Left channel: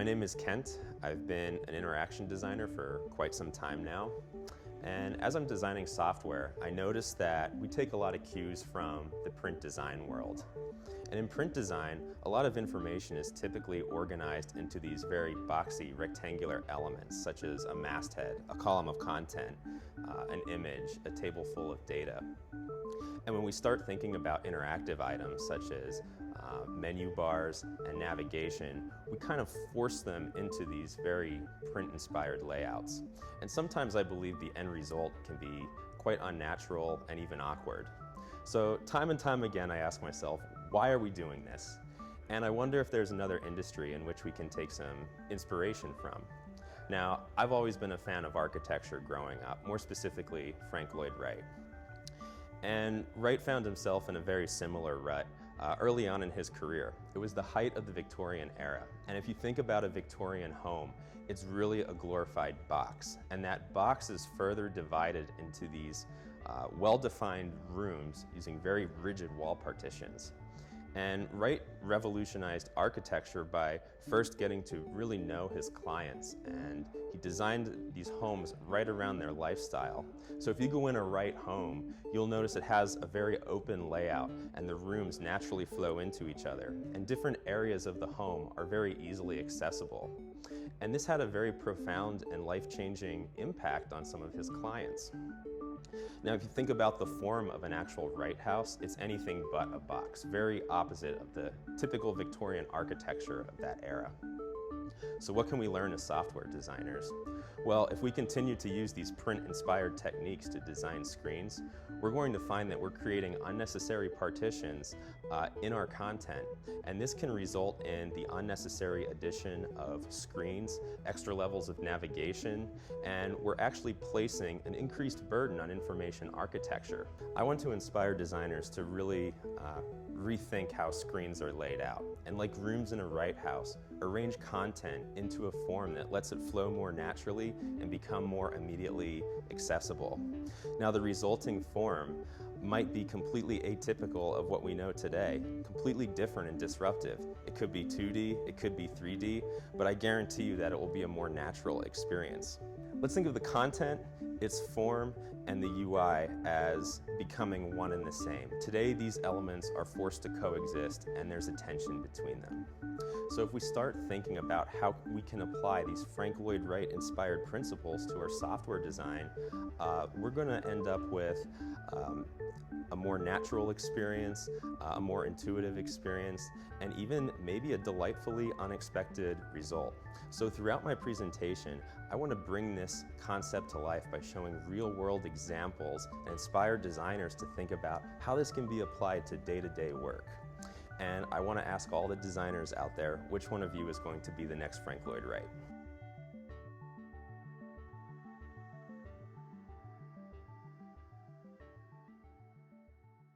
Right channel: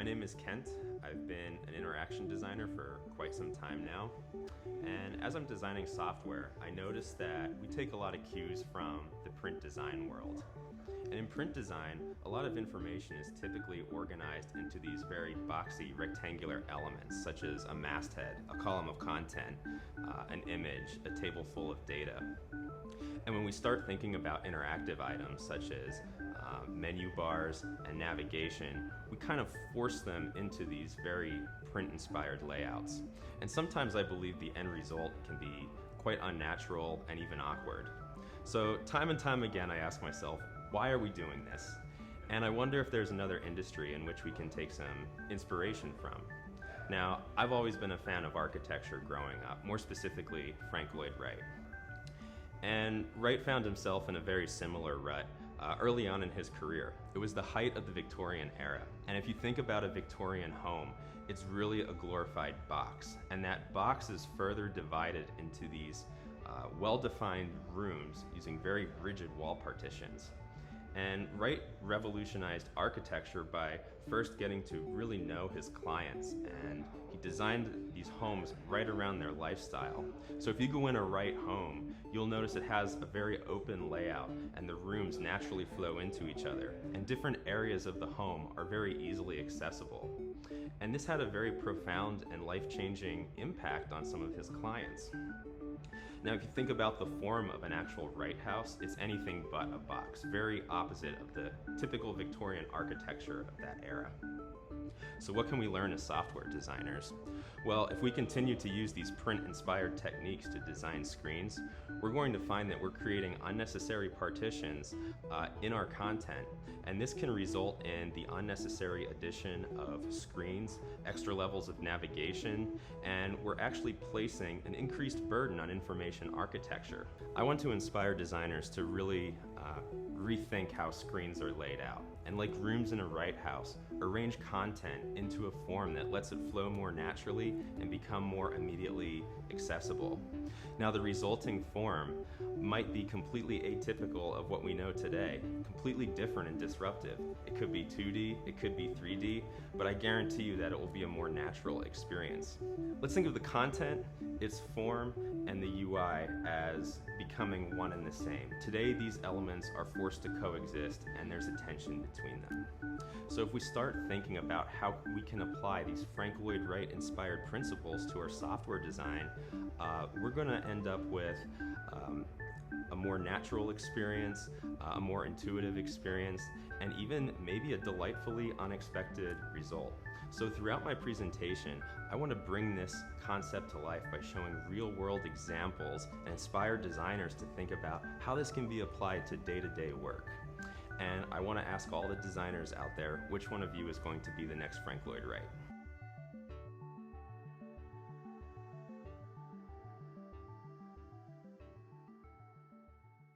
My name is Kent. I've been an interaction designer for quite some time now. And as I'm designing software, I noticed that we take a lot of cues from the print design world. And in print design, a lot of information is typically organized into these very boxy, rectangular elements, such as a masthead, a column of content, an image, a table full of data. And when we start thinking about interactive items, such as menu bars and navigation, we kind of force them into these very print-inspired layouts. And sometimes I believe the end result can be quite unnatural and even awkward. So time and time again I ask myself, why are we doing this? And I wonder if there's another industry in which we can take some inspiration from. Now, I've always been a fan of architecture growing up, more specifically Frank Lloyd Wright. And Wright found himself in a very similar rut early on in his career. It was the height of the Victorian era. And if you think about a Victorian home, it's really a glorified box. And that box is further divided into these well-defined rooms using very rigid wall partitions. And Wright revolutionized architecture by first getting to really know his clients, and he designed these homes right around their lifestyle. So if you go in a Wright home, you'll notice it has a very open layout and the rooms naturally flow into each other, and different areas of the home are very easily accessible. And this had a very profound and life-changing impact on some of his clients. Now, if you think about the form of an actual Wright house, it's anything but a box, very opposite of the typical Victorian architecture of that era. So what can we learn as software designers? Well, if we continue to use these print-inspired techniques to design screens, we're going to find that we're creating unnecessary partitions in our content, and this can result in the unnecessary addition of screens, extra levels of navigation, and we're actually placing an increased burden on information architecture. I want to inspire designers to really rethink how screens are laid out, and like rooms in a Wright house, arrange content into a form that lets it flow more naturally and become more immediately accessible. Now, the resulting form might be completely atypical of what we know today, completely different and disruptive. It could be 2D, it could be 3D, but I guarantee you that it will be a more natural experience. Let's think of the content, its form, and the UI as becoming one and the same. Today, these elements are forced to coexist, and there's a tension between them. So if we start thinking about how we can apply these Frank Lloyd Wright inspired principles to our software design, we're going to end up with a more natural experience, a more intuitive experience, and even maybe a delightfully unexpected result. So throughout my presentation, I want to bring this concept to life by showing real-world examples and inspire designers to think about how this can be applied to day-to-day work. And I want to ask all the designers out there, which one of you is going to be the next Frank Lloyd Wright?